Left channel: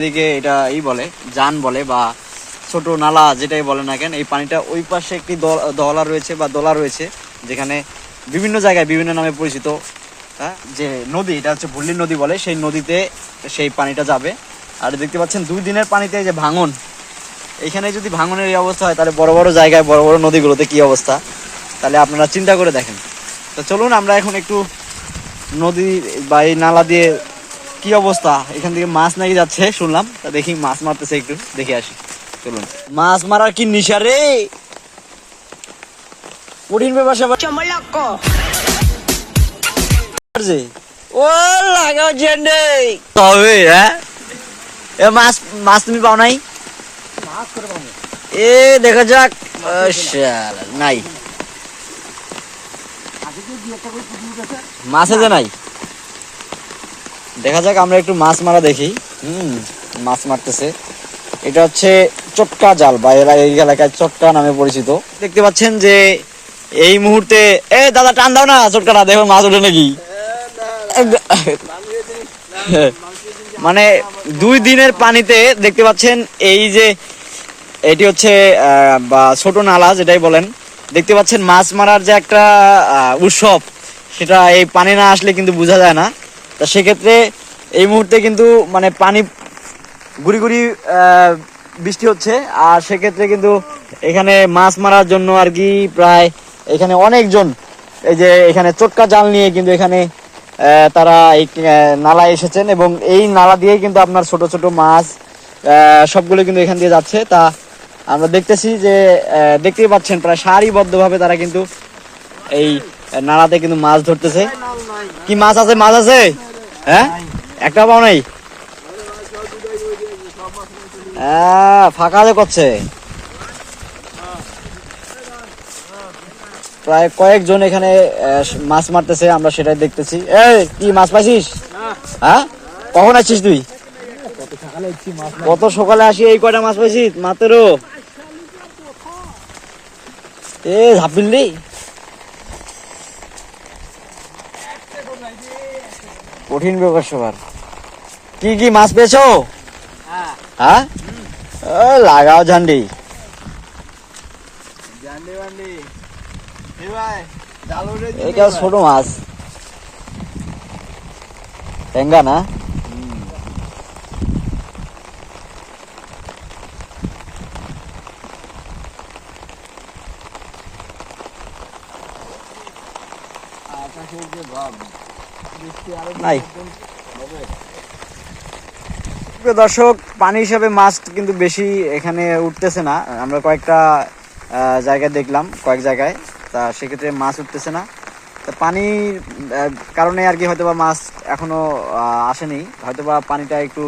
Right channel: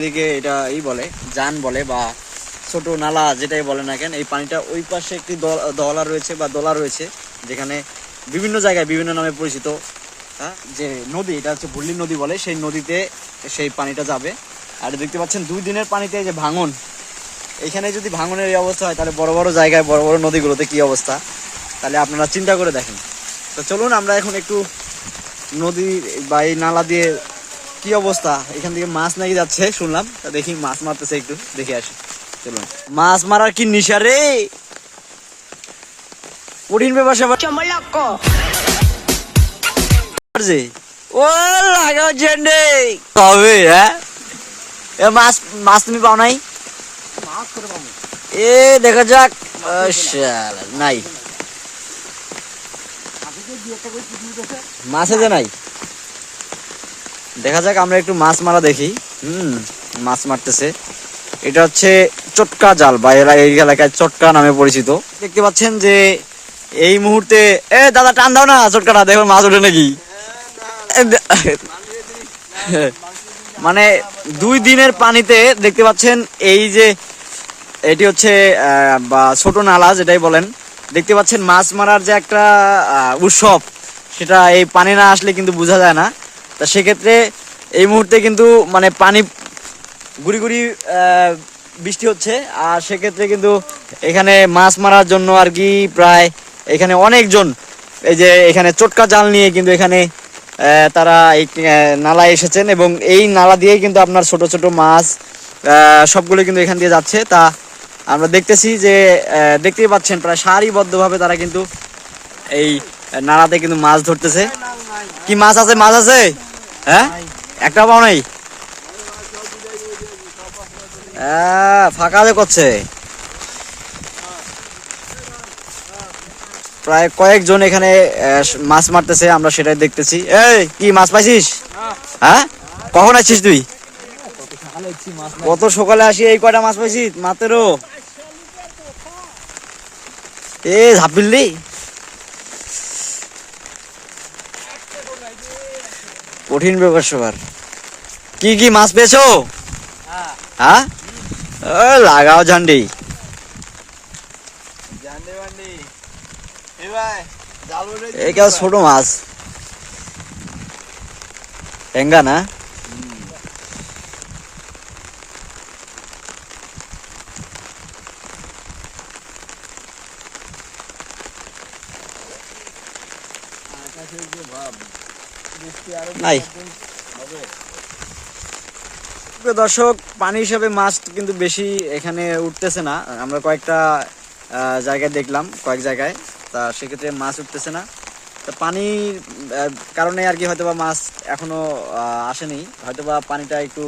এদিকে এটা বলে জান বলে বা ছোট নালা যেটাই বলে না কেন, এই পানিটা ওই পাশে একটি দলা রয়েছে বা দলা রয়েছে, যেখানে বিভিন্ন জায়গায় বিভিন্ন নামে পরিচিত। যে নদী, এটা হচ্ছে ভুল্লি নদী বলে, সেই নদীতে সেই পানিটা যাবে। আর দেখতে পাচ্ছেন 2 দিনের পানিতে যে ভাঙন, এখানে যদি ভাঙনের এই অবস্থা হয়, তাহলে বড় বড় জায়গায় বড় বড় নদীগুলোতে কি অবস্থা, তাহলে আপনারা চিন্তা করে দেখেন। তো চলুন আমরা এখন একটু নদী বা এই নালা দিয়ে কি অবস্থা, এখান থেকে মাছ নাকি যাচ্ছে শুনলাম, তা দেখি মাছ মারতেছে, একটু দেখে আসি। চলুন। মাছ মারার কি নিশা রে, কঠিন ব্যাপার ও লাগা জেন্ডে তবে। হ্যাঁ, এ মাছ মাছ তুমি পাও নাই? এ দেখা যাক, নাই মাছ যে নাই, দেখা যাক আমরা একটু মাছ মারা দেখি। মাছ মারতেছে, এটা হচ্ছে চটকা জাল বা এরা এই এলাকায় চটকা নামে পরিচিত। দেখতে পাচ্ছেন যে এই মুহূর্তে দাদা টান দাও না চটকাটা, দেখো মাছ ওঠে নাকি। মানে 2 দিনের পানিতে দেখতে পাচ্ছেন এই যে এটি হচ্ছে বা ছোট নালা যেটাই বলেন, দেখতে পাচ্ছেন মাছ মারার যে একটা উৎসব, সেটা এই পানি না আসলে কিন্তু বোঝা যায় না। তা সেক্ষেত্রে এই মুহূর্তে কিন্তু মানে পানি গুড়ি গুড়ি বৃষ্টি হচ্ছে, আর সেক্ষেত্রে কিন্তু এখানে মাছ মারার জন্য আর কি প্রায় এখানে অনেকজন এই যে এখানে চটকা জাল নিয়ে কিন্তু এখানে তারা এই নালায় এসেছেন, এবং এই নালা দিয়ে কিন্তু আপনার ছোট ছোট মাছ সবগুলো কিন্তু এখান দিয়ে যাচ্ছে। তা আমরা দেখতেছি যে দেখতেই পাচ্ছেন প্রায় সারিবদ্ধভাবে তারা কিন্তু এই নালাতে কিন্তু মাছ ধরতেছে। কি মাছ আছে? মাছ আছে? হ্যাঁ, একটা পাও নাই? ফাঁকা করছে, প্রায় কয়েকজন এখানে মাছ মারতেছে, আমরা সেটাই দেখতেছি। এই কি মাছ পাইছিস? হ্যাঁ, কখন আসছিস তুই? কত সকালে আসি, এই কয়টা মাছ পাইছিস মাত্র? ঝাপিল্লি কঠিন ব্যাপার সবার। কি কি মাছ পেয়েছো? হ্যাঁ, লাগাও ঝান্ডি। ছোট মাছ টেঙ্গা না? দর্শক, পানি হিসাবে মাছ কিন্তু বেশি এখানে উঠতেছে না। আমরা কয়েকটা জায়গায় দেখলাম, কয়েক জায়গায়, তা সেক্ষেত্রে মাছ উঠতেছে না। তা পানির কারণে আর কি হয়তোবা মাছ এখনো আসেনি, হয়তোবা পানিটা একটু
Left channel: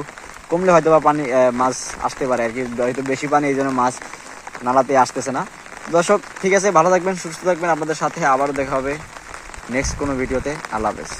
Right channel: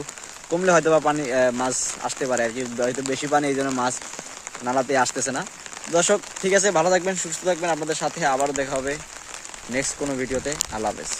কমলে হয়তোবা পানি মাছ আসতে পারে আর কি, হয়তো বেশি পানি এই জন্য মাছ নালাতে আসতেছে না। দর্শক ঠিক আছে, ভালো থাকবেন, সুস্থ থাকবেন, আপনাদের সাথে আবারও দেখা হবে নেক্সট কোনো ভিডিওতে। আল্লাহ হাফেজ।